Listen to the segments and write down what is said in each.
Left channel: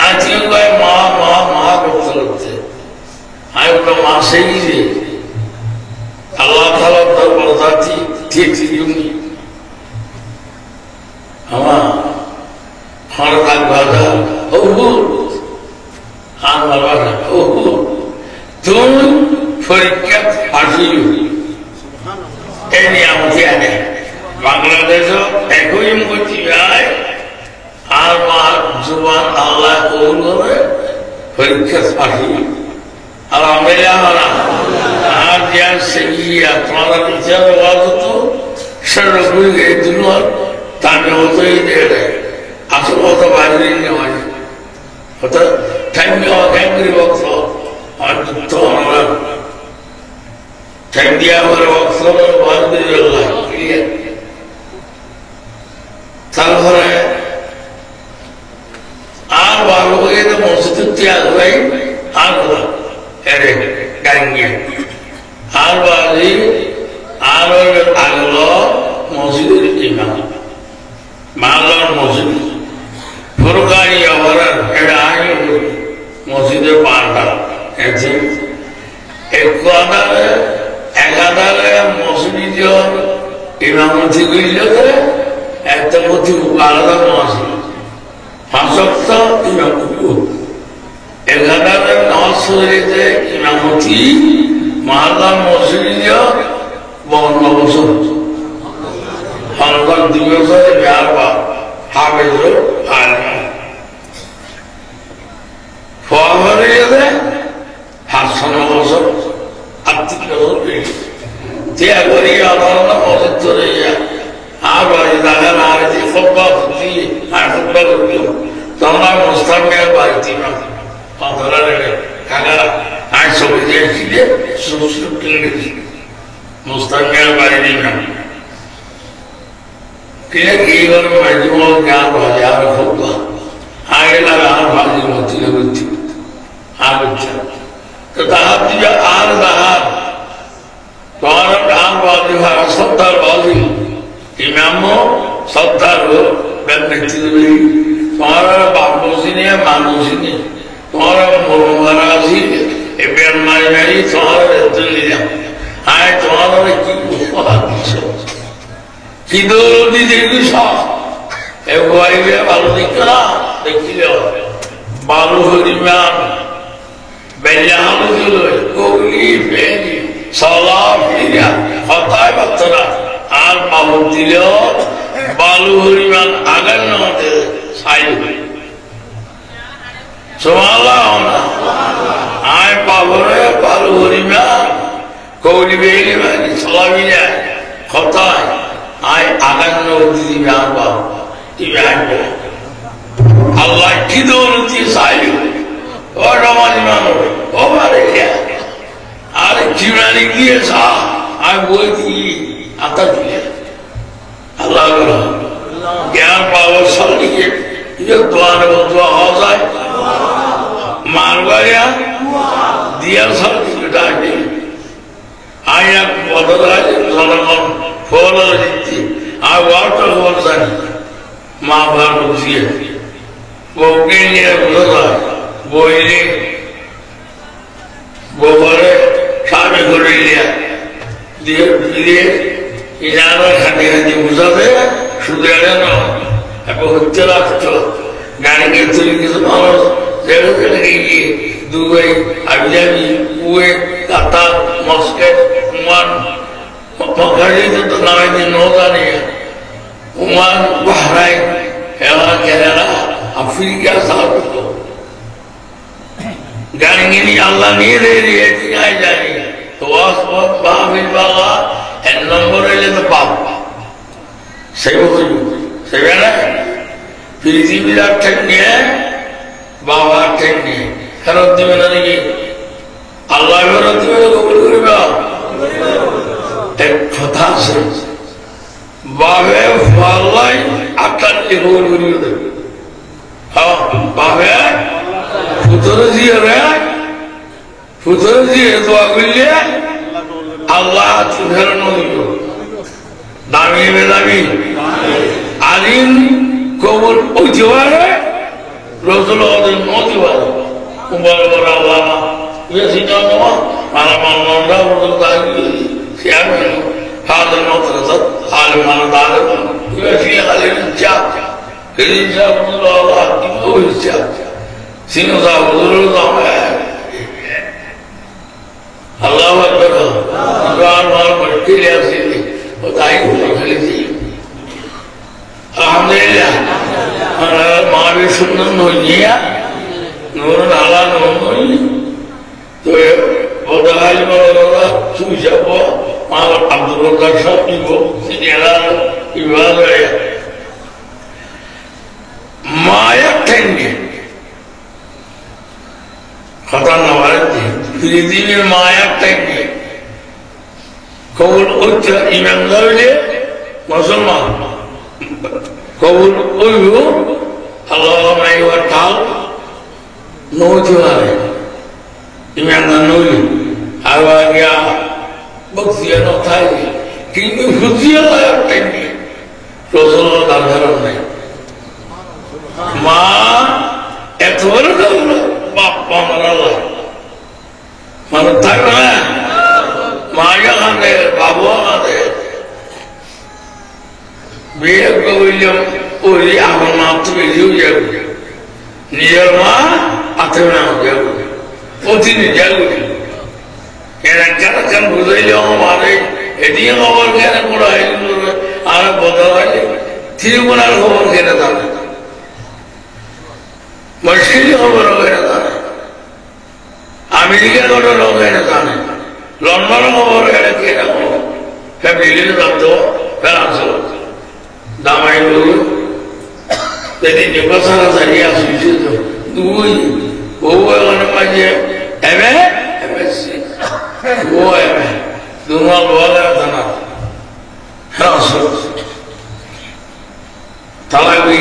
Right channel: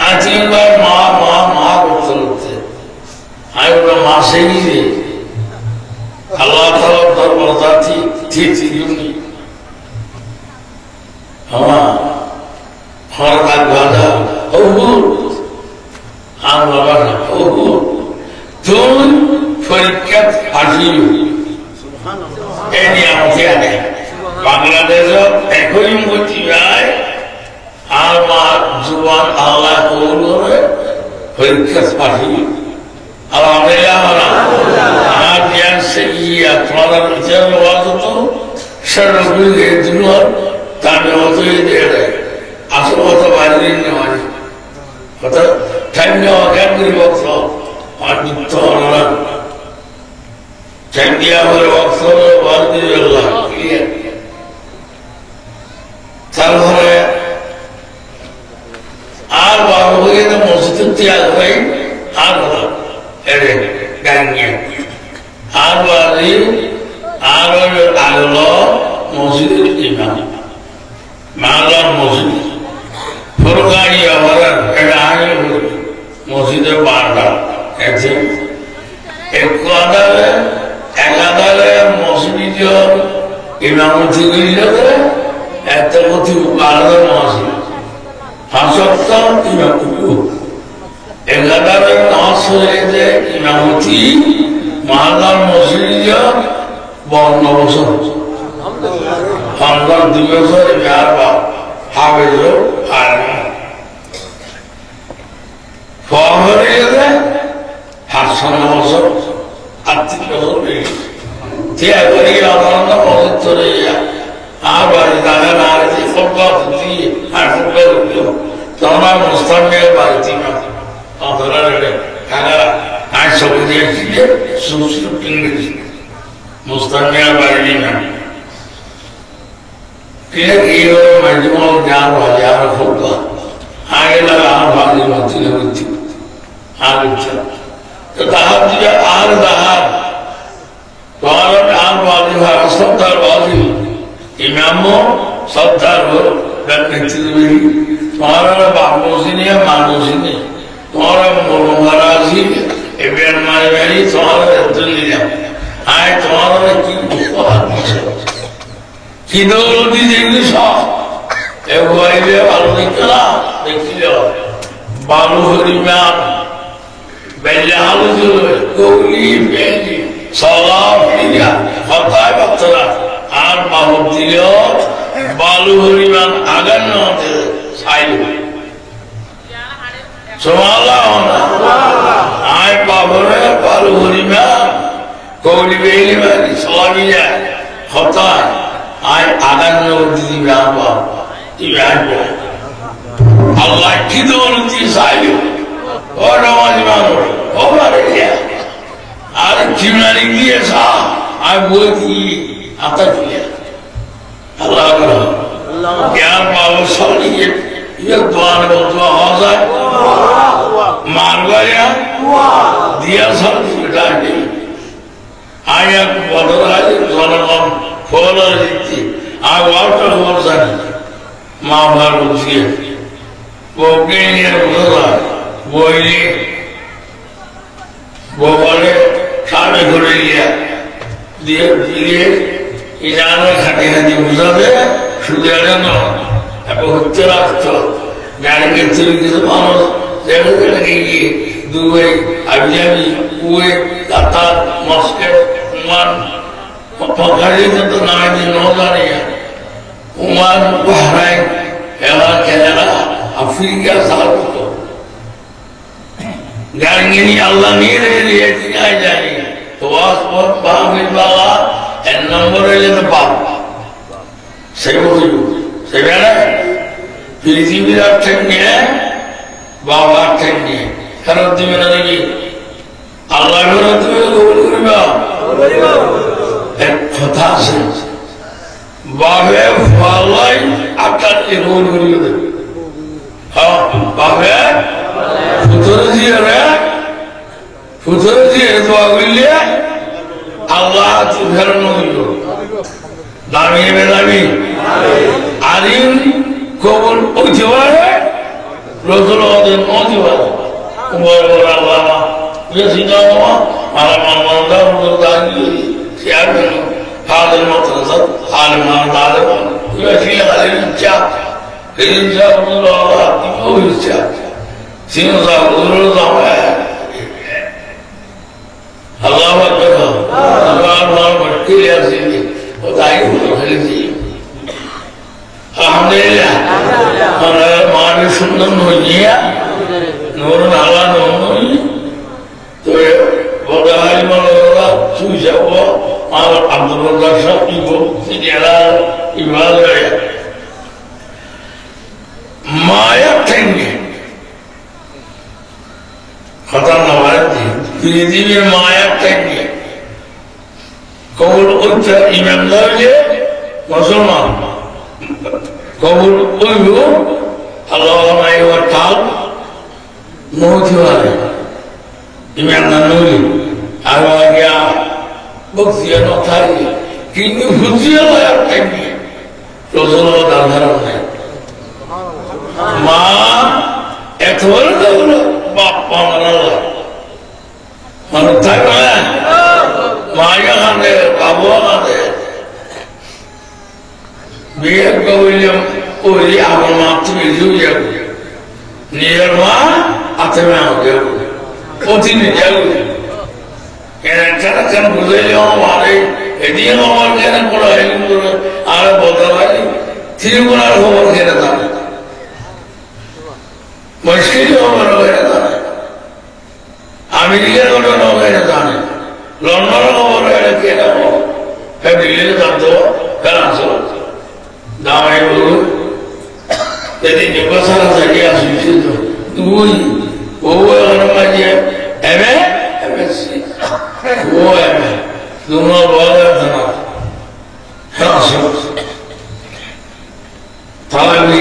Ati asayide Allah Taala darbarati tiyuni ama harap bada Allah Tuhan perikat hasil ini yang tiada Bangladesh ekoi mutirai alma zuban Allah kulure perikat hasil alhamdulillah hadiah sekian kalau jalan waktu tu serupa itu tapi waktu itu ada asal waktu baru ini mana waktu time nya akan beri waktu ada orang time dia berwaktu baru dia Allah Salvare, baru kita masuk tiada lagi, ada gangnya, baru Allah masuk imam, malam masuk, berkali orang ada masuk pada, ekada masuk itu imam itu একটা মতি আলাদা মাসি হাসপতা ইমামুল এগাদার নসরেতে ইমামতি মহাদার মসজিদে বন্ধ বছর হামদার দিবসে বিহারবা হাফেজ আলম ফরমারিতে হাসান বছর আত্মিক বছর যে করি আলাদা মসজিদ চলে যায় Abadi dalam hari football putih, football putih. Tanah mustamil berarti mana? Antara mereka, kalau hari Saudi Arabia, susu tinggi, mustamil berarti mana? Kita kira majmul gan bahagia football. Hari dalam hari mati berarti, hari macam. Tetap dia hari dahar. Kalau dahar bagi hari Saudar bagi. Imammu Saudara dan menteri, orang bagus ini, manusia ini, orang murah ini, ibarat mana ini, orang itu ni dia, orang kido di sini sah, ebuai dia baru nikah, dekilo, baru harian, beljal itu, kuli, beli, salam dia, khatai batera. আর মাহবুব দিলেও বালু হরিমান আগান আমাদের সাইল আয় পাবরে বালু হরিমান কৌলি বেলি মানে সবাই যায় হতায় আয় আগান দিদি আল্লাহ কি দৌলতি সাইল ও রমানি মানুষ ও বারে আর চিমারি গিয়ে সা আয় বলছি आता juga, Allah ज्ञान पावर सारी ये दुआ में दुआ हो जाए, मार गया, दिया सब बेटा ने, आया बदल आये, ज़नाम फौला जीती, आवाज़ हो जाए, माँ बाप उसी है, वो किन्हीं उधर वो इन्हें, वो बड़े शामी घुरे लिया, दिए Ijana hati-hati muzabe sudah ada no, apa hujjah tu, nggak gitu gitu mana, jangan lagi Dubai, Abu Dhabi, Kuwait, Qatar, Muscat, Oman, pakai itu nama di Nora ni, Oman, Bahrain, Canada, Afrika satu tu, jangan ini Allah ni dia tinggal jadi, tuas pun bahmi bawa. Nomor ini tempat. Saya betul. Saya mana? Filipina dah tengnya, bawa tengnya. Kalau di mana lagi? Allah berarti boleh fantastic. Bahawa falai akan boleh. Bahawa futur dia tu agilnya. Allah Tuhan itu, dami bedami, alim kabul ujwar, Rasulullah itu ujwar, umar Allah, ia singa malam malam untuk tadi siapa Father Motor, Alman Father, you are here a little chap. It is a little of chap. Sing of Guru Allah Akbar. Allah Akbar. Clear city. What I do for you. Alhamdulillah. Mari Sundam Nunia. Nur Nala Nuri. So, what the Halimah Sujawa, Mother Abdul Gasha, Ibo, Sidiala, Ivala Maya Tengi. Katan Navarati, Didi Maya Tengi. Kowul Utta Imam Lavle, Musulman. Kowul Uyu, Allah Maya Tal, no Timale. Imam Nanu, Avagia, Buxia no Tagi, King Buxia Tengi, Rosano Dalharone. Ma, Ethora. Pangala, Manutara, Maya Hande, Babu Hande, we are going Uri Avanatu, you near Ma, Atama, Putin, and Karakan Brazilian Wari, Edian over Canada, Arabotavali, Timura over Canada. Machine over America over London over family of the Pelanzo. Now I do that in the person of the years you do over on my year. MSC. Do not bother than Talawi.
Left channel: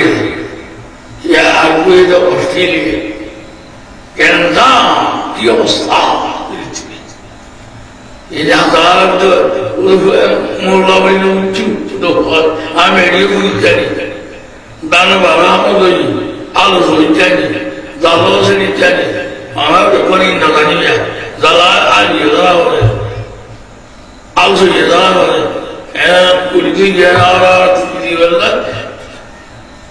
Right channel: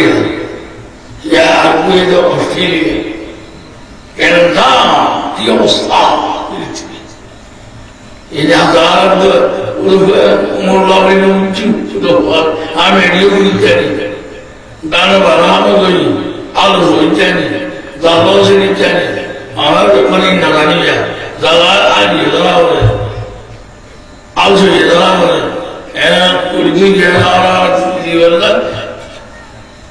Yeah, with Australia. And now, the Ostar. In a car of the more lovely to the world, I made you with Jenny. Danabama, also in Jenny, Zalos in Jenny, I have the money in the Gania, Zala and Yellow, also Yellow, and would give you an hour to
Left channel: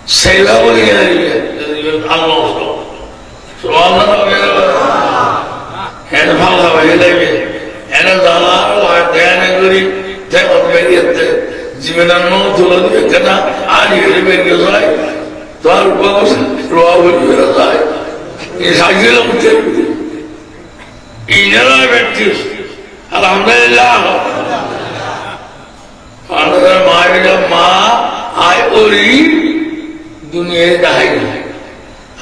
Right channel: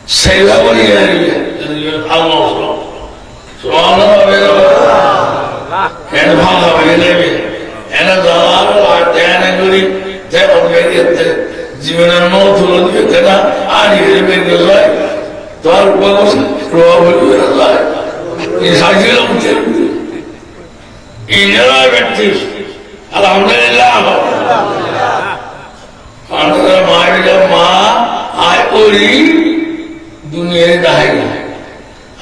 say that what you almost so all of it and how we live it and as a lot of Dan and Guri tell me the Jimena no to look at that I hear him in your life 12 bones probably your life is I get up in your life at this Alhamdulillah under my Ma I only दुनिया दाहिनी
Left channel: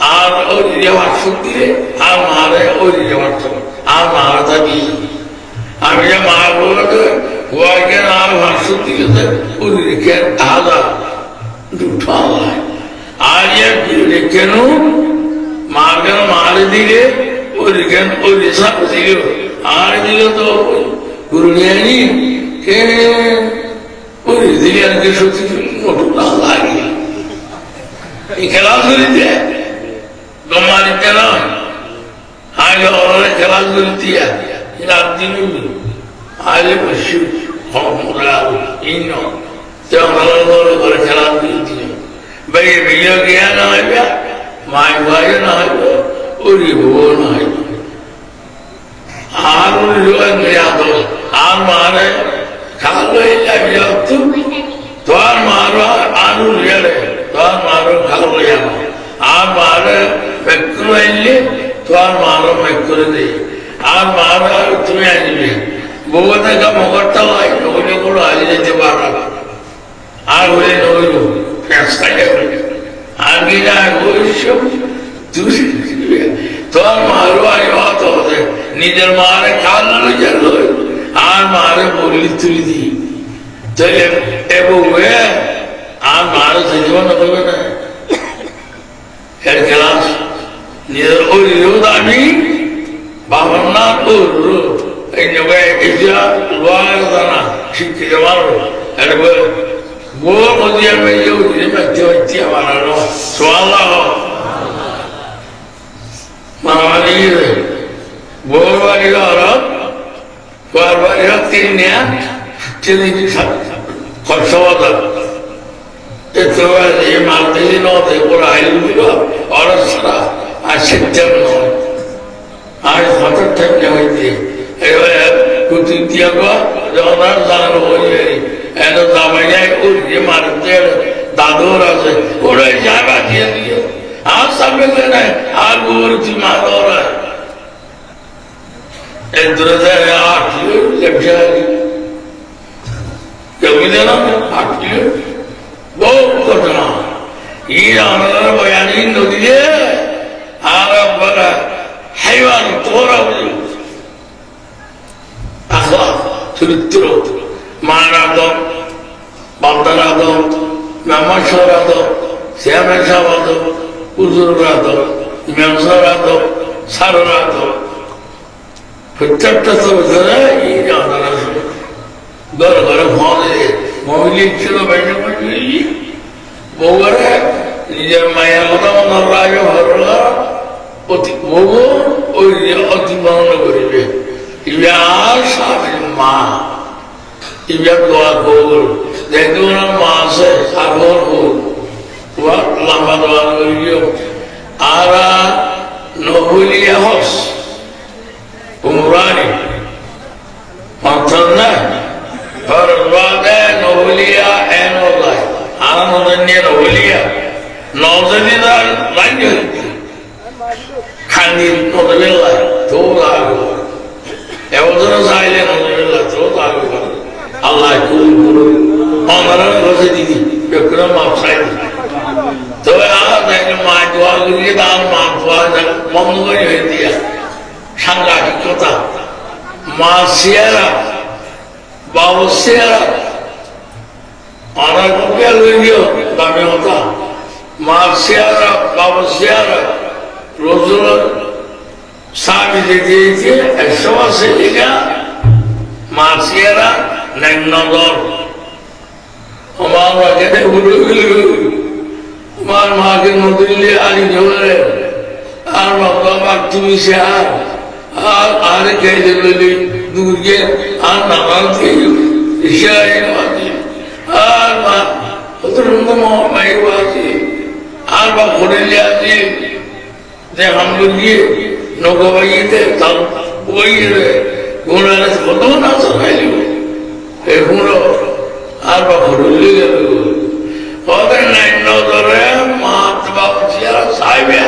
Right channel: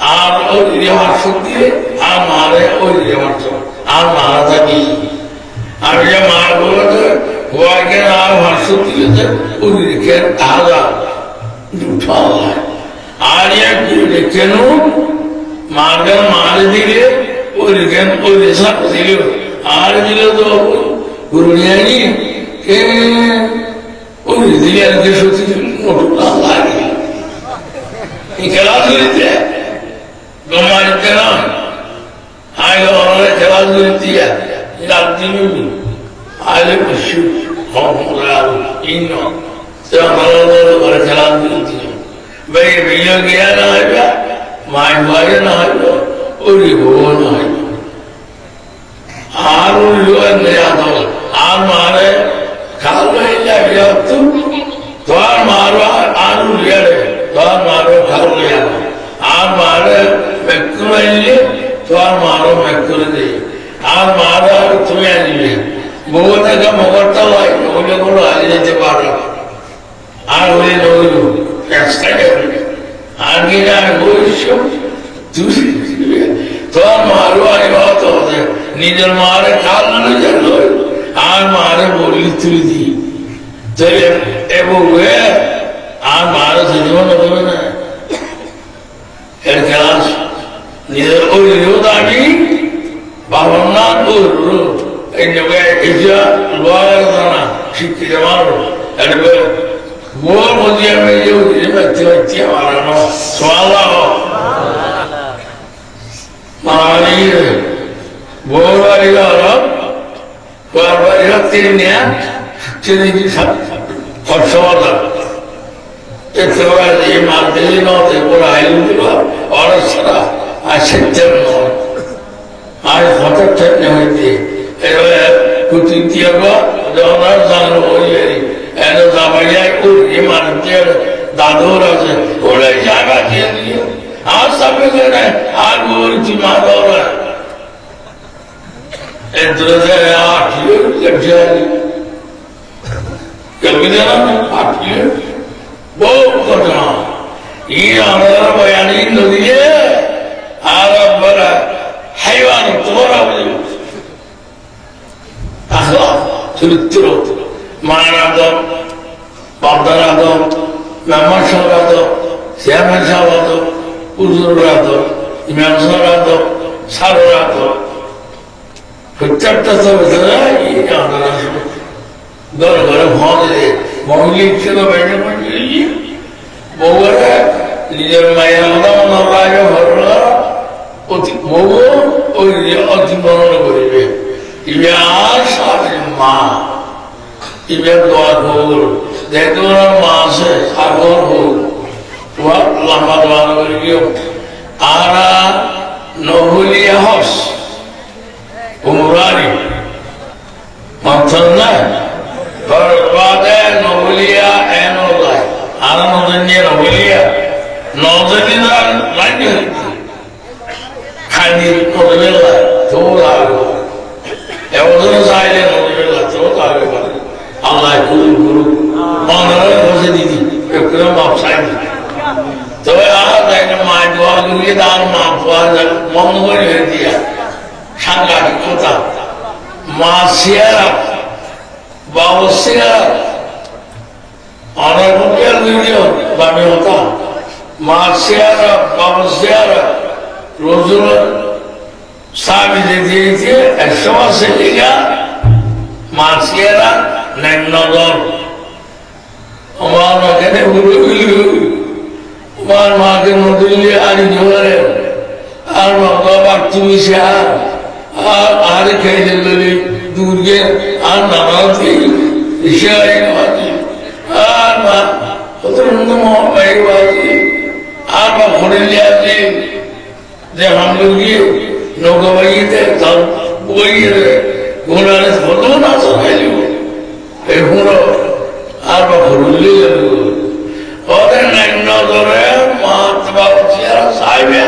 are और ये वास्तव दिए आम मारे और ये वास्तव आम मारता भी आम ये मार बोला तो हुआ क्या आम वास्तव दिए तो और ये क्या आला दूठा है आर ये क्या नो मार्गन मारे दिए और ये सब दिए आर दिए तो गुरुनियानी के और ये दिए के सोची मोटा लागी Kelas dia, domani kelas, ayo orang kelas dia, ilat dulu, ayo bersyukur, hormat, ino, jangan orang kelas dia, bayi beliau kia nak apa, main wajah nak apa, uri bawa nak apa, arul luar dia tu, ar mare, kalau ia dia tu, tuan marah arul dia le. Maro Karuya, Amara Mekuli, Maro Mekuli, Amara Tuyani, Bogota Mogota like Ogula in Jabara. I will know you, yes, I am. Angina Gushu, Maro, I ought of them, neither Mara Kalu, Amara Boli to thee. Tell him everywhere. I'm not a one of them. Hercules, neither old Yudami, Bamana, in the way Asia, Loyalana, Shikamaru, and more was the activity of Arano, Swallow. Mamma, more are you up? Waktunya jadi kosong. Itu ada mati no, itu orang itu orang serah asyik no. Ada hotel terjadi itu. Kutu tiada, orang sana orang ada zamanya urus mati dadur aja. Orang jaga dia. Sampai kena arur cuma orang. Itu saya akhiru terjadi. Kemudian akhiru, बहुत करना. ये आराम बयानी नदी है. आराम बड़ा हैवान तोरा बोलो. आखला चुरित्रो, माना दो, बंदरा दो, नमस्कार दो, श्यामेशा दो, उजुरा दो, इमानसारा दो, सारा दो. प्रत्यक्ष तो बता ये आना घर भावने मौली चलो बैठे मौली बोले ये माया मत मत राजा भरला अति बोलो और ये अति मनोरम करेंगे ये आशा माँ ये दुआ बोल देखो ना माँ से सागौन हो वह लंबा दुआ करेंगे आरा नौलिया हॉस उम्रानी मंथन Berbada novelia enolai, alam dunia novelia, novelia lain kali novelia, toda agora. Outro saya novelia, toda agora. Allah guru, mana você didi, eu quero mais sair. Então ada yang maju agora dan maju ada, mau dia, sangat kita, masyarakat. Bawasya, orang mungkin video, kami hoda, masyara, bawasya, rozul, sabi jadi, semua sehingga masyara, nenodor, orang kita ulu, orang makin mudili ari jualan, orang waktu misal, ari kaya dulu. दूरिये आना मालती इशारे वाली आना उतरने में वाली आना खुले आती जब हम लोग ये नौकरी थे तब वही रहे गुनाह से बहुत ना सुनाई लो एक गुनाह आना खुले और नहीं नौ तो रहे मात बाप चिरा साइबे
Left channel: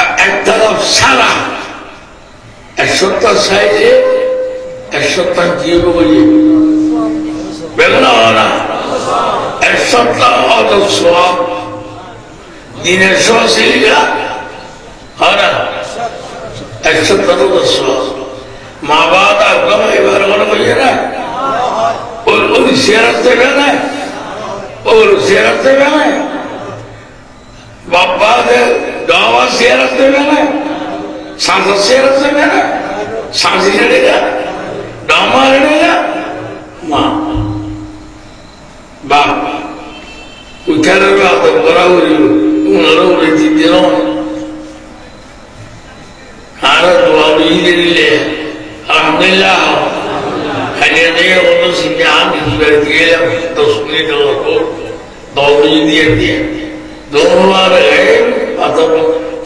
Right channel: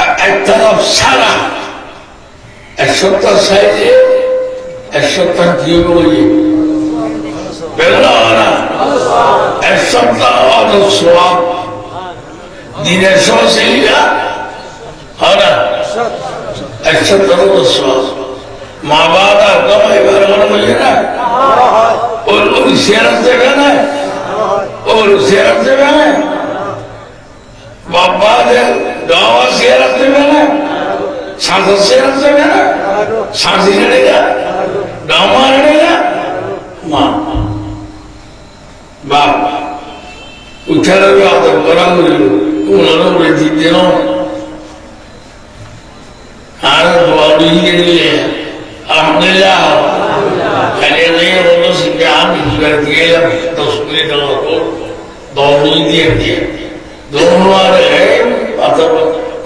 ऐसा सारा Esota saja, esota jiwa beri. Benar, esota ada suap. Dina sosialnya, ada. Esota ada suap. Mabada kau ibarat orang macam Orang siaran sebana, orang siaran sebana. Bapa dia dawa siaran sebana. सांसद से रखते हैं ना सांसी लड़ेगा डामा लड़ेगा माँ बाप उठा रहे आते बड़ा हो रही उन लोगों ने जीते ना हार दुआ भी दे ले अल्हम्दुलिल्लाह खाली नहीं होने से क्या हम इधर दिए या तो सुने तो दो भी दिए दोनों बार है आता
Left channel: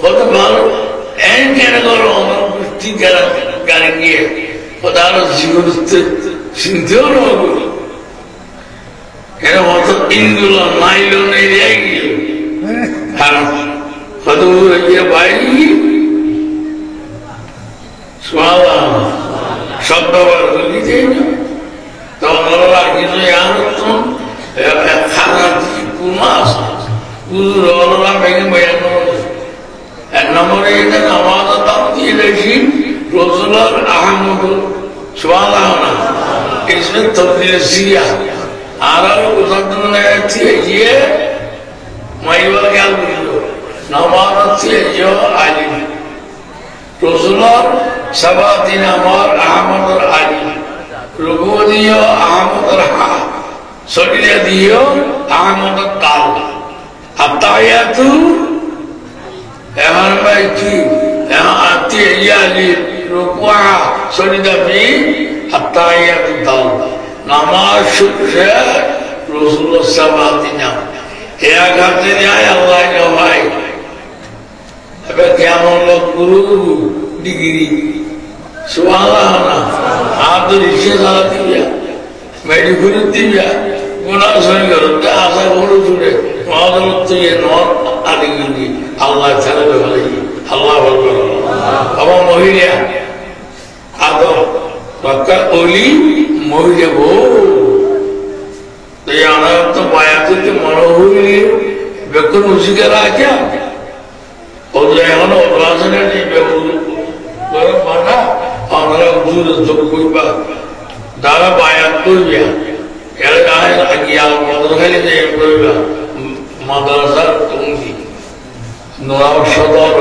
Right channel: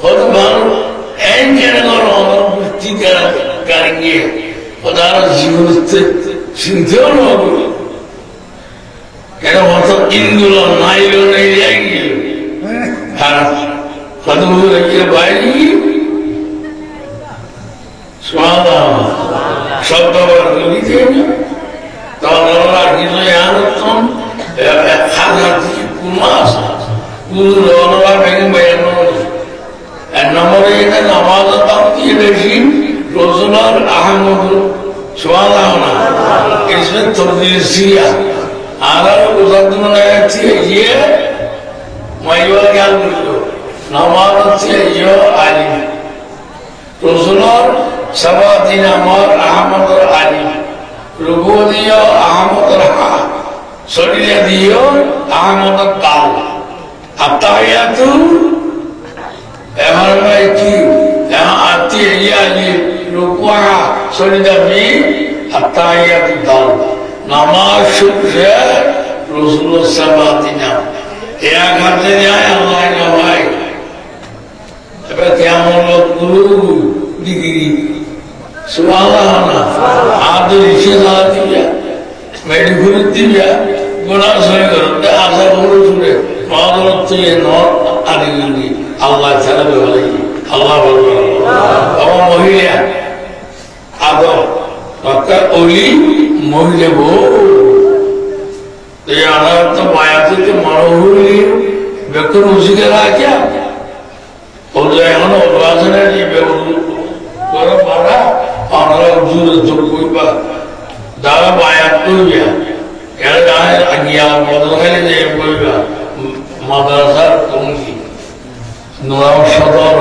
खुद मानो Enggak ada orang tiga kali pada jiwa sinter mahu. Kalau masuk Indula, Nailo ni lagi. Harus satu lagi baik. Suara, sabda berbeda. Tahun lagi tu yang tu, khana kumas. Orang lagi banyak. Nomor ini nama tadi regim Rasulullah Ahmad Subhanallah. Isme terdiri Arab uzatman ayat ye maywa kya nama tadi ye Ali Rasulullah sabatin Amar Ahmad Ali Rubudi Ahmad Raha Sodiya diyo Ahmad Kal Atayatu Eman baiki, yang arti ia di rukuah সরিদাবি আত্মাইয়াতু দাও নামাজ শুরুছে রাসূলুল্লাহ সাল্লাল্লাহু আলাইহি এক হাতে যায় আল্লাহ ভাই এবার কেমন লোক গুরু ডিগ্রি সুবহানাল্লাহ আদর ইসে সালা দিয়া মেডিকেল দিয়া গুনাহ সই করতে আশা বড় জুড়ে মাদরত থেকে নর আদিগি আল্লাহ ছাড়া বলে আল্লাহ বলবে আমার মহিলা আদর রক্ষা ওলি মহিলা গো এই আনার তো বায়াতে তো মরহুলি বেকুন উসিকারা আছে ওদের এখন অভ্যাসনে নিবে বড় পানা আমরা জুরে যোগ করবা দাঁড়া বায়াত করবে এর গায়ে আগিয়া মদর খালি যে করবা মাদ্রাসার কমিটি নোয়াব সদর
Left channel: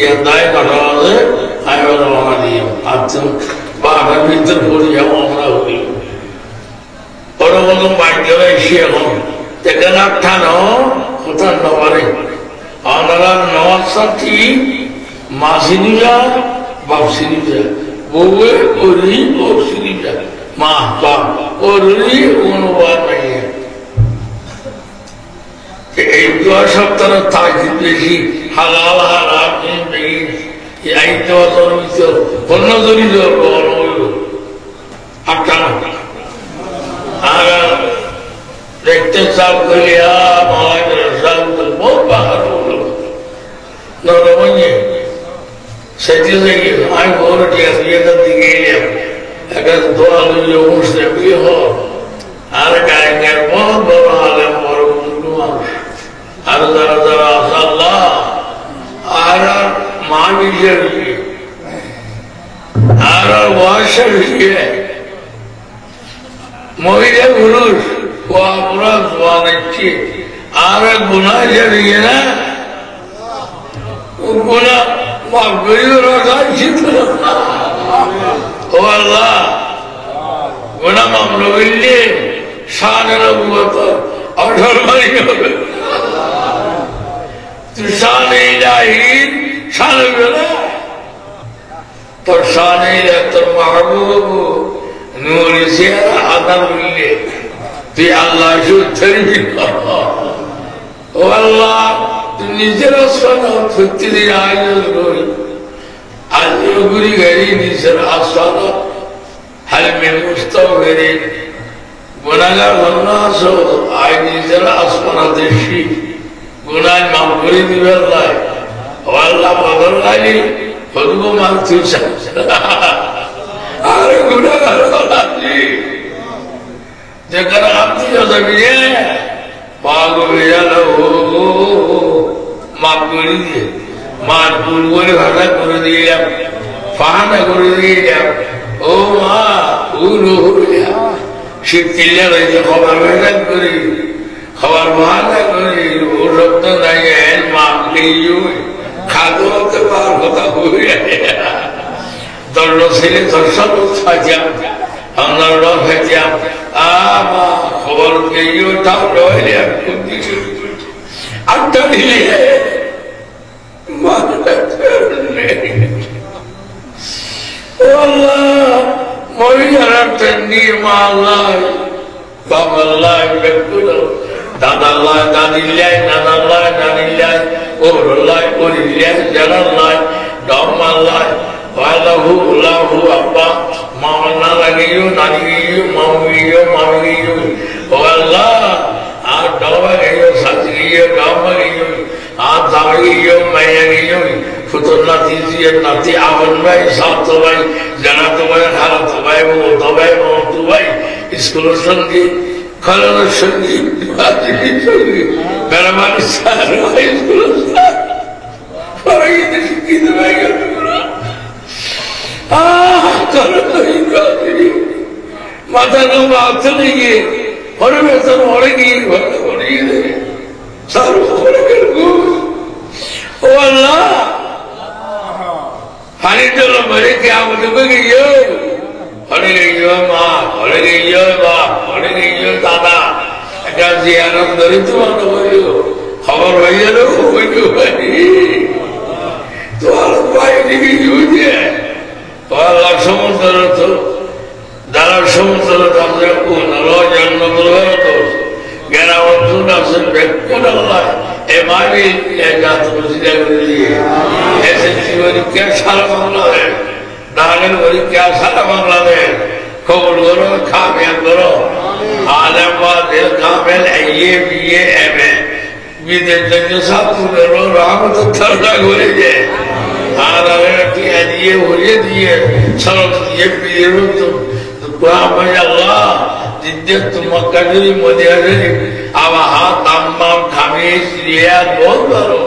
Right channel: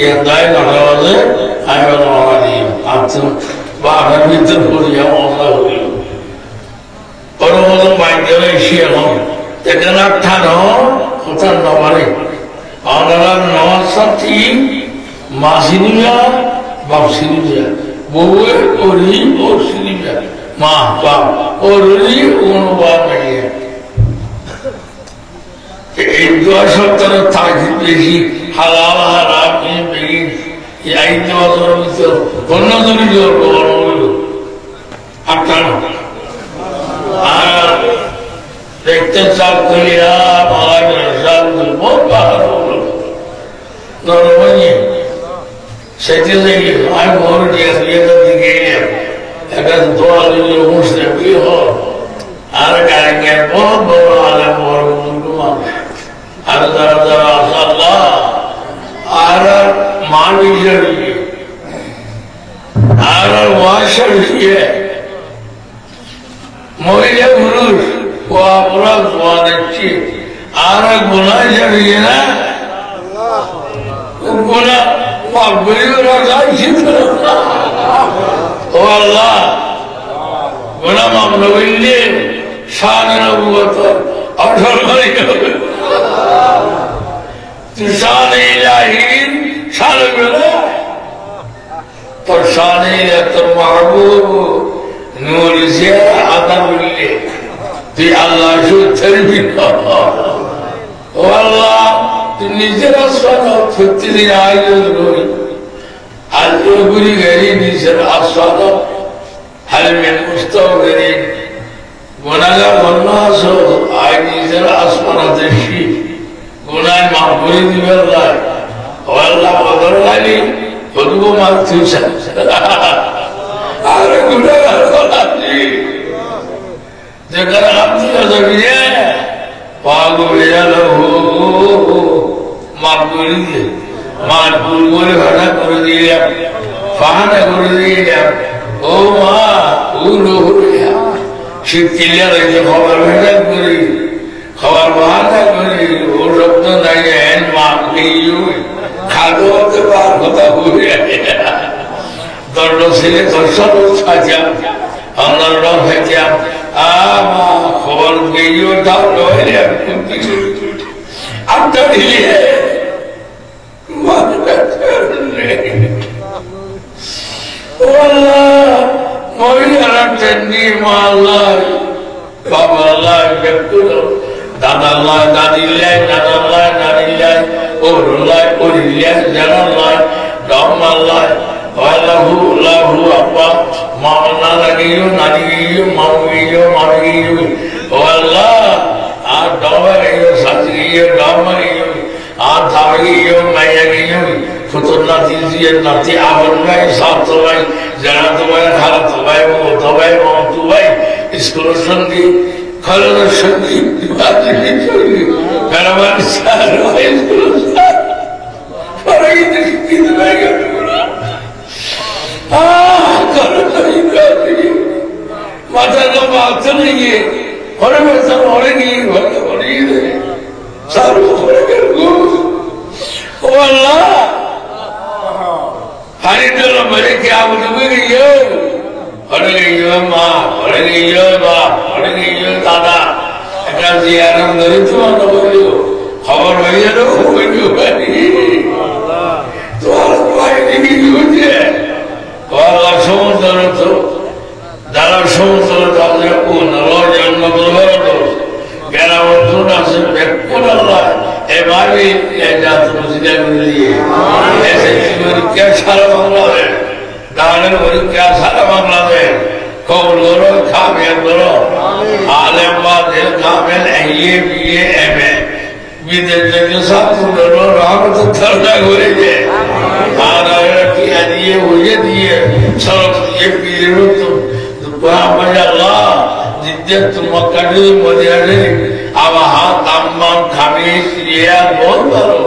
এর দায় ঘটনা আছে আমি বললাম আমার দিয়ে আচ্ছা বা আমার ভিতর পড়িয়া আমরা হইল ওর মতো মাইন্ডে এসে এখন এখানে ঠানো কোথার নবারে আমরা নওয়ার সাথী মাসিনিয়া বাপসিনিয়া বউয়ে ওরি বাপসিনিয়া মা বাপ ওরি অনুবাদ নাই এই দোয়া সপ্তাহে তাকিদ বেশি হালাল হারাম এই আইন দেওয়া ভিতর অন্য জমি আপনার আর দেখতে চাপ করিয়া মালায় সাপ বহুত পাহাড় নরমণি সেটি থেকে আমি বড় টিয়ার দিকে এলাম একটা দোয়া দিলে মুসলিম কি হল আর গায়ে গায়ে বহুত বড় আলেম বড় বন্ধু মানুষ আর যারা যারা আসাল্লাহ আর মা নিজের আর ওয়াশা বিষয়ে মহিলা পুরুষ পুরা দোয়া দিচ্ছে আর গুণা জানিয়ে না গুণা মাফ করে রাখছি ও আল্লাহ গুণা মাফ নইলে শানের অবগত অসম্মানী হবে শানে ইলাহির শান বেলা তোর শানে তোর মাহবুব নূর সে আদা বললে তুই আল্লাহ সত্যি ও আল্লাহ তুই নিজের আসন প্রতিদিন আয়োজন করি আজও গুরি গেরি নিজের আসন হালমে মুস্তক গেরি গুণাগার বন্যাস আয় নিজের আসমানা দেখি গুণায় মাফ করে দিবেন নাই ও আল্লাহ বদল লাগি হদুব মাল তুই আর গুণাগার বলাছি যেখানে আত্মীয় যাবি পাগ বেজাল মাফ করে দিয়ে মার ভুল করে ভাষা করে দিলাম ফাহানা করে দিলাম ও মা ভুল শীতকিল্লা রয়েছে খবর ভেজা করি খবর বাহানা করি ও শব্দ দাঁড়িয়ে হ্যান মাপ নেই খাদ্য হতে পার কথা হয়ে দণ্ড ছেলে দর্শন খাইতাম আমার রং খাইতাম মা খবর পেয়ে তাও ডলে আটটা দিলে মহিলারা তেমনি মা আল্লাহ বাবা আল্লাহ দাদা আল্লাহ দাদিল্লাহ নানাল্লাহ নানিল্লাহ ওরল্লাহ ওরিল্লাহ জানাল্লাহ ডম আল্লাহ Walahu lahu apa mauna lagiyo naniyo mauiyo mauiyo Allah adawa giyo sajiyo damagiyo adawiyo mayagiyo futurna tiziyo nati awanai satwai janatwai haratwai motwai iskulusangi kalasangi bajini berabar saroi iskulusan parai dikidu bagai মাথার লম্বা হাতে নিয়ে ঘরে ভেতর ঘরে গিয়ে ঘরে ঘরিয়ে দেবে ও আল্লাহ হানিটা মেরে কে আমাকে গিয়ে ঘরে গিয়ে মা ঘরে গিয়ে বাপ ঘরে গিয়ে দাদা একটা যে আনন্দ তোমার খবর হয়ে গেল তোমার পায়ে গিয়ে আল্লাহ সমুদ্র যারা সমুদ্র তাদের জন্মগ্রহণ করছে জ্ঞানাবর্ধন আছে ব্যক্তির আল্লাহ এ মাবি জাত মসজিদে দিয়ে এসএসসি পরীক্ষা সারা বাংলাদেশ দানের পরীক্ষা সারা বাংলাদেশ কবুল করো কামিয়াব করো আলেম ওয়াজিল কামিল এ বিএ এমএ বিদেশ থেকে ছাত্রদেরও রহমতুল্লাহ করে যে আর টিয়া দিয়ে ওয়ে দিয়ে সড়ক দিয়ে পীরের Allah Jiddatul Makkah Madiana Awaha Tammam Khamis Riyadh बहुत बड़ो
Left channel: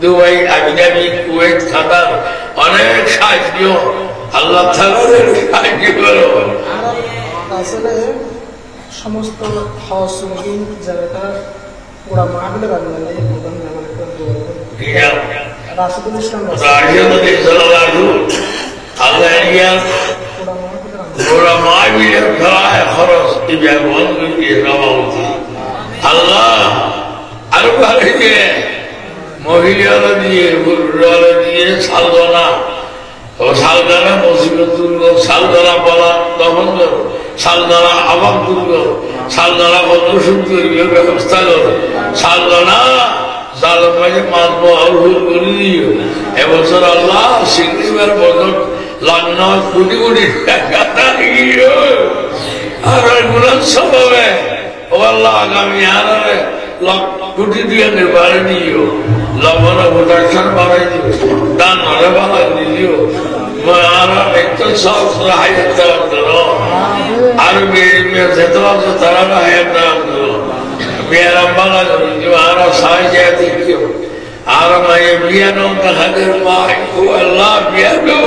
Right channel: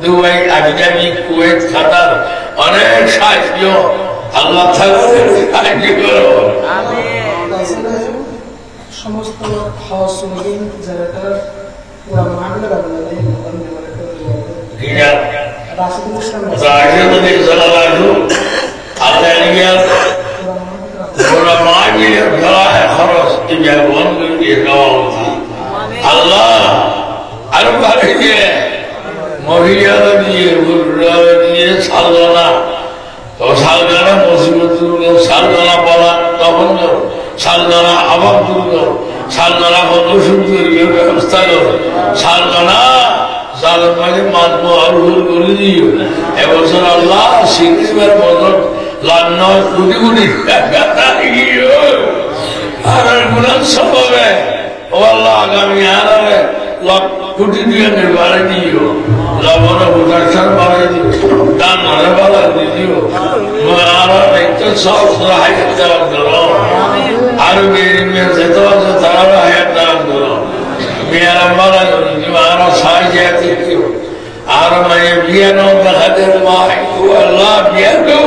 Dubai Abu Dhabi Kuwait Qatar अनेक साथियों अल्लाह ताला ने साथी करो समस्त हाउस सुनिंग जगह पूरा मामला बनना है मुकम मेरे को किया राशिदुल इस्लाम सल्लल्लाहु अलैहि वसल्लम पूरा मामला बड़ा है खरस की जवान की रवावती अल्लाह अरबारे के महिला दिए बुर्रा दिए सालना तो सालना मुसीबत को सालना पाला दमन करो सालना आवाम करो सालना को दूषित करिए व्यवस्था करो सालना सालना के मालूम और कर दियो एवं अल्लाह सिंधी में मदद लाना कुटी कुटी कहता है ये और गुनाह सब है अल्लाह आगामी आना है लाख कुटी दिया निर्वाह दियो लावना बुदाशन बारे दियो दान वाले बारे दियो मारा एक साल राह तक करो अरबी में से तो तरह है तक करो मेरा मारा जो आरा साई जाती क्यों आरा मैं बियानो तकदर माह को अल्लाह बियानो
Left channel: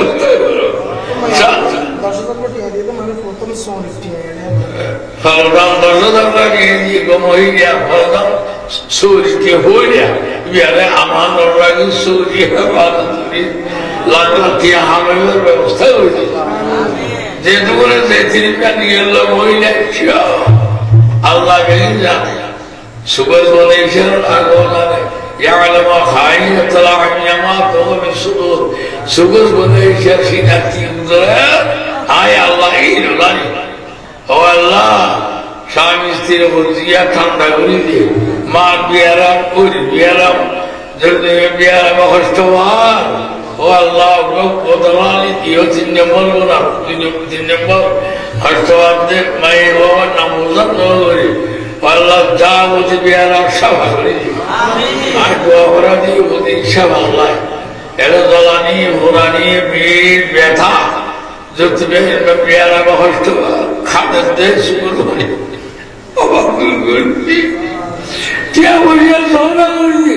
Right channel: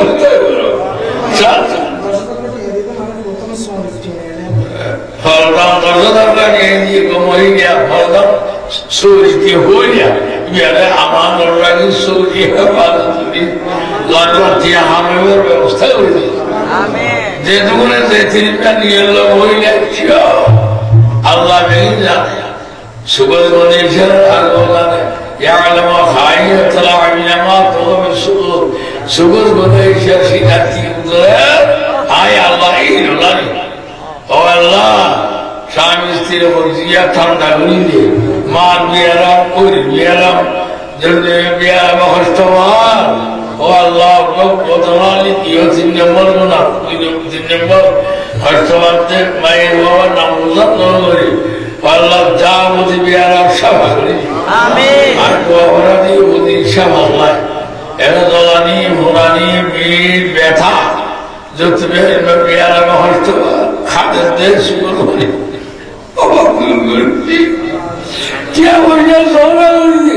फलदान दर्जदार ने ये कमोई गया फलदान सूर्य के हो गया मेरे अमान और रंग सूर्य है बात सूर्य लाजवाब हमें व्यवस्था हो गई जेदुने जेती का नियल होई ना क्या अल्लाह नहीं जाने सुबह मनीषर अल्लाह ने يعلم خائنة الأعين ما تخفي الصدور सुबह मनीषर सीनाती उधर आय अल्लाह ही नहीं ओ अल्लाह स्वामी स्त्री वर्जिया ठंडा हुई थी मार बियारा पूरी बियारा जल्दी बियारा बखश्तवार ओ अल्लाह को कोतवाली दियो तीन नंबर बना तीन नंबर हश्तवार दे मैं वो नमूज़त लोगों अल्लाह जावुत बियारा शबारी आमीन आको अपराधी उदी शबाला एलज़लानी मुरानी बीर बैठा जो तुम्हें में बियारा बखश्तवार खाते देश सुबह क्या बढ़िया सोना होगी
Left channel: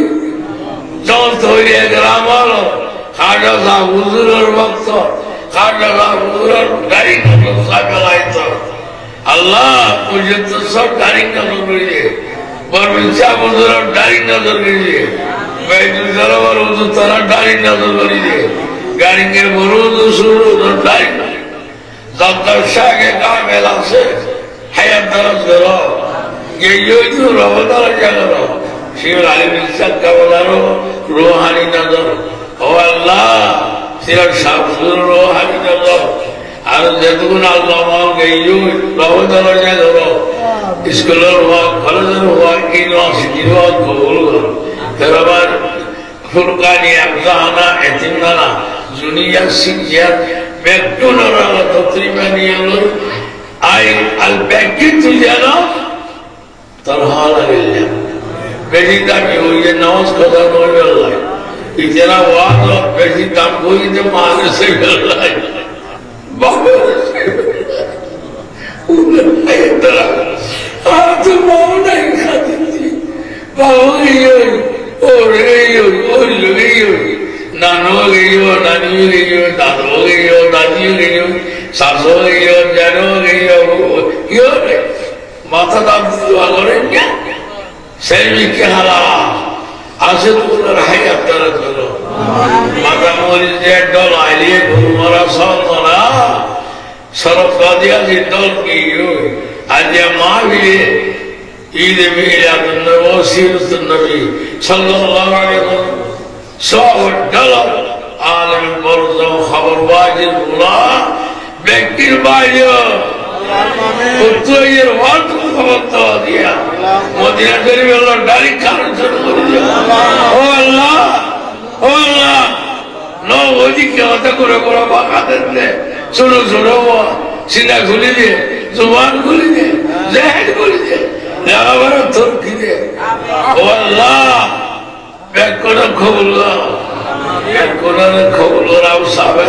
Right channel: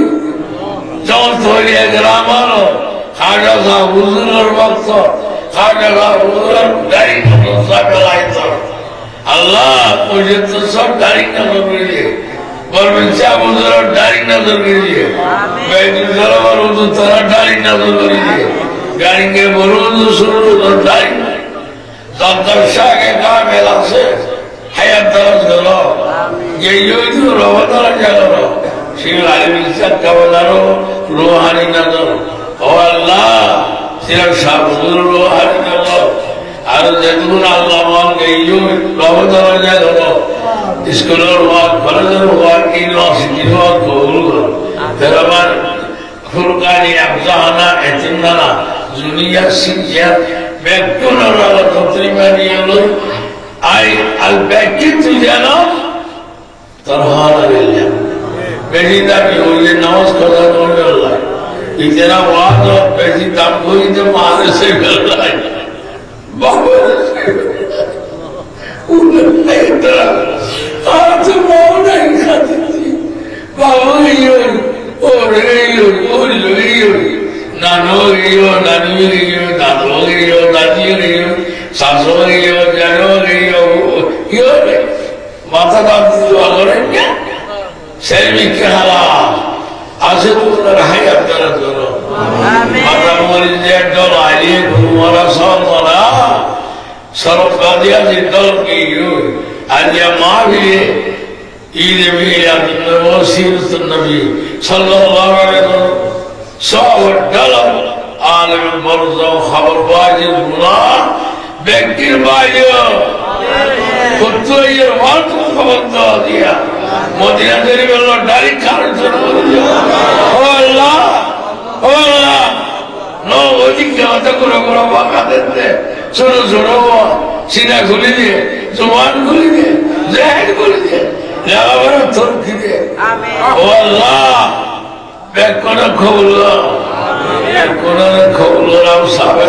जौन थोड़ी ग्रामालो खाजा सा हुजूर वक्त खाजा सा हुजूर डरी को सब लाई तो अल्लाह मुझे तो सब डरी का ज़रूरी पर मिलता हुजूर डरी का ज़रूरी मैं दूसरा वालों तो तरह डरी का ज़रूरी गाड़ी के बरूद शुरू तो डरी ज़ादशाह के काम है से hayat dalam segala, ये itu rawatan jago, siapa misal kawan rohani nazar, oh Allah, siapa sabur rohani nazar, harus jatuhkan Allah mahu ये rawatan jago, sekolah roh, kalau roh kini kabul kar, terapan furqani abzana etimnala, dunia sinjat, bektunara terima Allah. I'll beg you to jana तरहारा मिलने बेटी ताकि हो ये नवाज कदा हो गया इतना वाद और बेटी ताक को ही तो मारे से मिल रहा है बाबा उन्हें इतना आज माँ नहीं खाती थी बाबा ये और नानो गई नानी गई दादो गई दादी गई सासो गई जानो गई यो माता दादी जो करेंगे सेमी के हाला आसे तो रहे अंदर करो माता मोरी जेट डॉल आइए गुरुवारा सावधाना सरफ का दिया जितोल की यो आज माँ भी ईद भी यादन वसीरत नबी सल्लल्लाहु अलैहि वसल्लम $100 आलम बरज़ो खबर बाजिर बुला ব্যক্তির বাইরেও সত্যের মাত্র খবর দেওয়া দিয়া মদিনা শরীফের দাড়ি খাওয়ার শুরু করে ও আল্লাহ ও আল্লাহ ওইদিকে হতে করে করে বাঁকা দিতে ছোট ছোট সিনা খুলে দিয়ে জবান খুলে দিয়ে জেহেদ খুলে দিয়ে লেখাপড়া থরকি দিয়ে ও আল্লাহ ব্যাগ করার খবর ব্যাগ করার খবর সাবে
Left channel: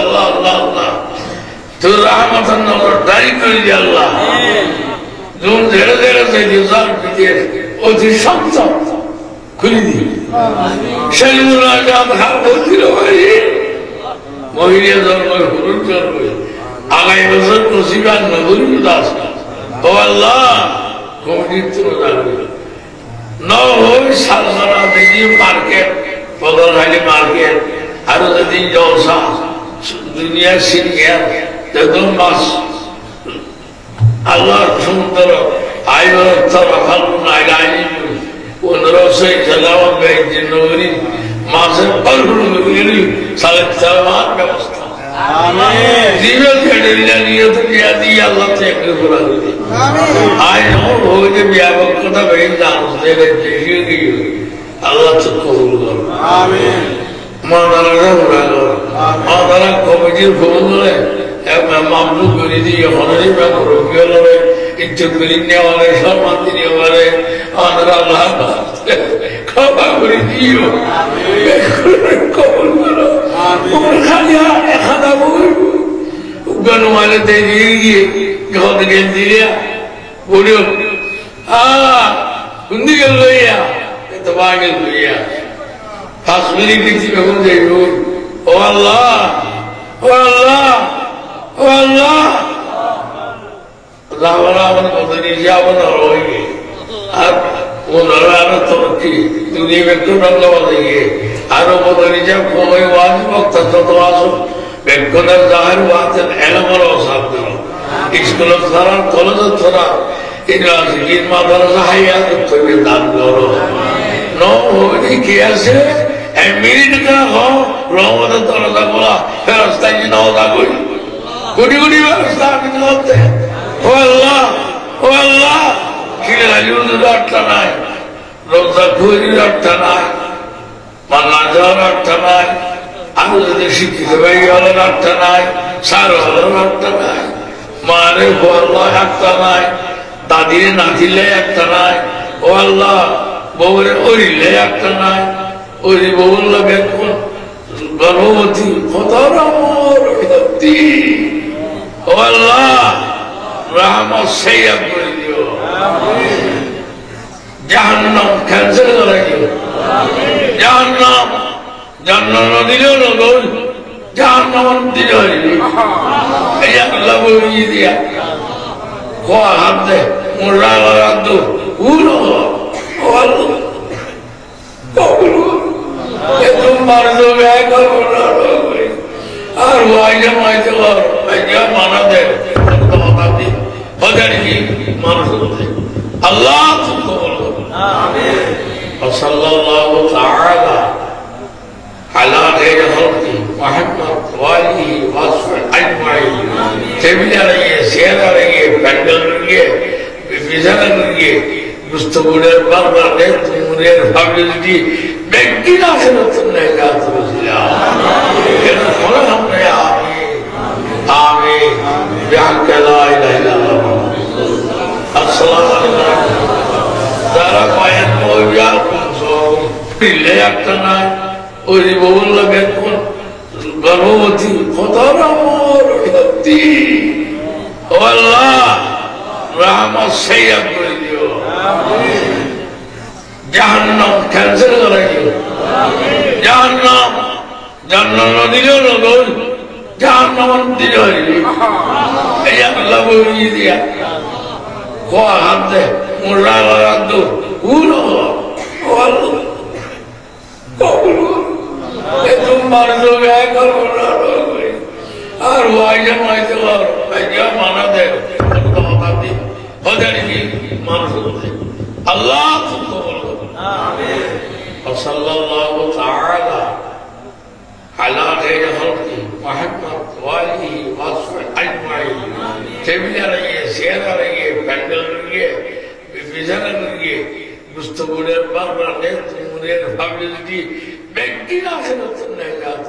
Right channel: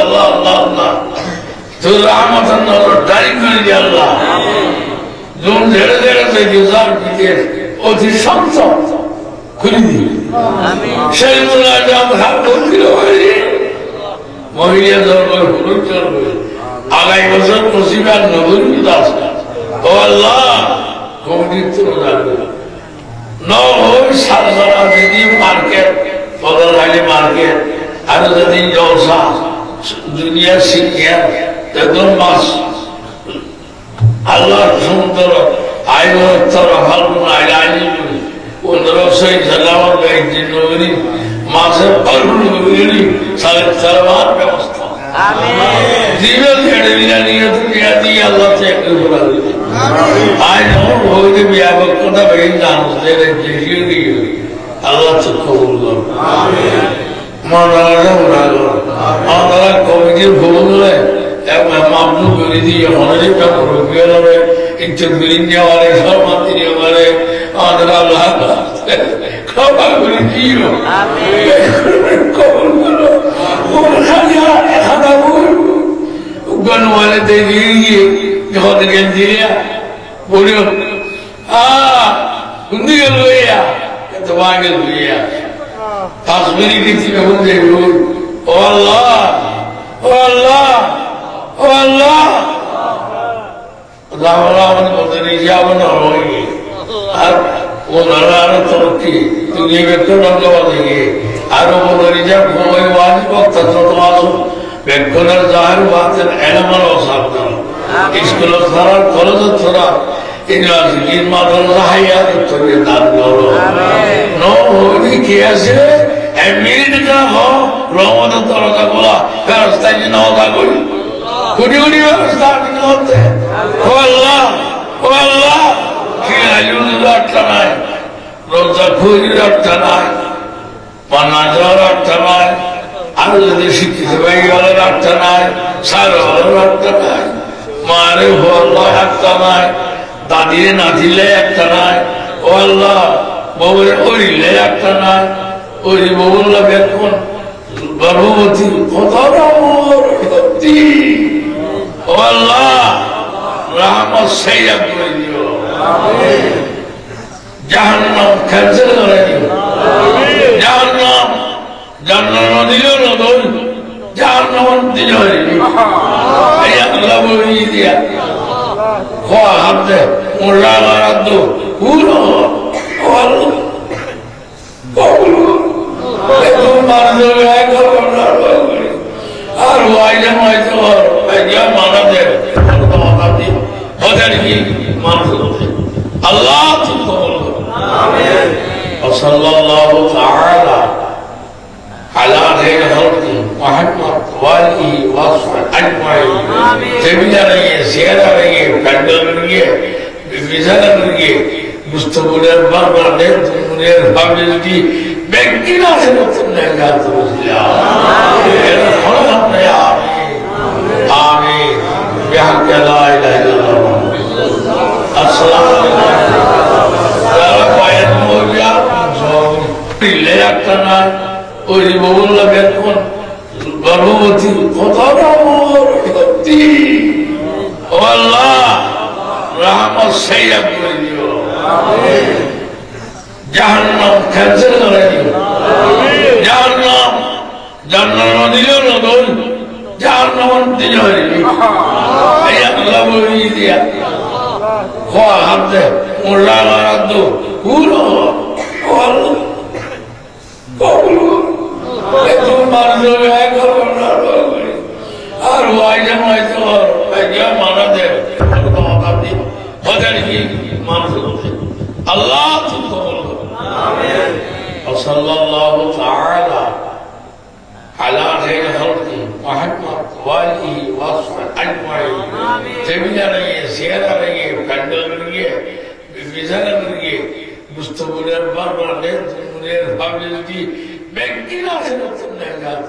আল্লাহ আল্লাহ আল্লাহ তোর রহমত দায়ী করে দিয়ে আল্লাহ যখন ঝেড়ে ঝেড়ে চাইছে যার পিঠে অতি শক্ত খুলে দিই মহিলা ধর্মের হলুদ চলবে আগামী বছর নসিবার নগরী দাস ও আল্লাহ কমিটির তুলে যাবে সালসানা দিদি মার্কেট বদলহালি মার্কেট আরো যদি জলসা দুনিয়ার শিক্ষা দেখুন মাস আল্লাহর সমুদ্র আই তারা ভালো নাই আইনি 1500 জালাওয়াত বেজে নগরী মাসের পারগুলো নগরী সালের চালাবার ব্যবস্থা আমিন জীবন ছেড়ে নিয়ে তো দিয়া দিয়ে আল্লাহ থেকে বলা দিই আমিন আই নো হইতে বিয়াবক কথা বেই জানো দেবে দেখিয়ে দিয়ে আল্লাহ তো কবুল করুন আমিন মাওলানা বলা আল্লাহ কমিটির ভূমিকা এক মামলু করে দিয়ে হনারি পে করে ইজ্জত মিলিয়ে वाले সম্মান দিয়ে वाले আল্লাহ ক্ষমা করে দিও আমিন কবুল করো আমিন খালিয়া খাদা বল গনমালে দে দিয়ে গদ গেল দিয়া বলিও গুন্দিয়ে লইয়া তো বাগেল লইয়া ফাসমিনি দিছি বেগুন দেখো ও আল্লাহ ও আল্লাহ ও আল্লাহ রামরাম বদলে যাও না হইবে আর ওনারা আরো তরকি তুমি ব্যক্তি রঙ্গ বদলে আরো বদলে যা সময় ওয়াজ বক্তা যত আসো ব্যক্তির জাহার ওয়াজের এলমর সাবদ স্কুল সারা কলেজ সারা ইউনিভার্সিটির মাদ্রাসা হাইয়া তুমি দান করো নো হইতে কি আছে মিনিটটা হো রহমত দরজা খোলা ফেরস্তা জিনাওদা করি গুড়ি গুড়ি ব্যবস্থা করতে ও আল্লাহ ও আল্লাহ খিলাজুর রাখতে নাই রোজা খুঁজি রাখতে নাই পান্না যাওয়ার রাখতে নাই আর যদি শিক্ষিত ভাই হলে রাখতে নাই সার হলে রাখতে নাই মারে হল্লা রাখতে নাই দাদিরে নাচিলে একটা নাই ও আল্লাহ বউরে ওরিলে একটা নাই ওরি বউল্লা বেতন গর্ভবতী কত রমতী ও আল্লাহ রহমত সেইয়া করে দিও জাহান্নাম ক্যান্সেল করে দিও জাহান্নাম জান্নাত দিল না বল জাহান্নাম দিল এই আল্লাহ বলি দিয়া কোয়া হাতে মোরা রাদ পুরো ও আল্লাহ কবুল तुम मार दो और माइजा माइजा और क्या माना दे तो बता दी बदल की मान सकते अल्लाह तुमको बोलो आमीन और सल्लल्लाहु ताला अला खैर खल्क़ि मुहम्मद वाली वसल्लम अजमाइन आमीन तेबिया रहिए शेयर रहिए पैदल रहिए विजन रहिए मुस्तक़बिल बार दे तुमने फैमिली ব্যক্তির আছে নতুন জায়গা তুলছিলাম আমিন আমিন আমিন বিহাক্কা লা ইলাহা ইল্লাল্লাহ আসসালামু আলাইকুম তারা পায়ের মোজা সব পিলে একটা না ওই বউল্লা বেতন গর্ভবতী কত রমতী ও আল্লাহ রহমত সেইয়া করে দিও আমিন জাহান্নাম ক্যান্সেল করে দিও জাহান্নাম জান্নাত দিল না বল জাহান্নাম দিল এই আল্লাহ বলি দিয়া কোয়া হাতে মোরা রাদ পুরো ও আল্লাহ কবুল তুমি মার দেবে করো না আর মাইজা মাইজা আজ্ঞা মানা দে কথা দি বদল কি মানুষ আল্লাহ তুমকো آمين وصلى الله تعالى على خير خلقه محمد وآله وصحبه গিয়ে বিছানা করে গিয়ে মুস্তফুরের বারবার মুনের ভাবলে যদি ব্যক্তি না আসে নতুন জাত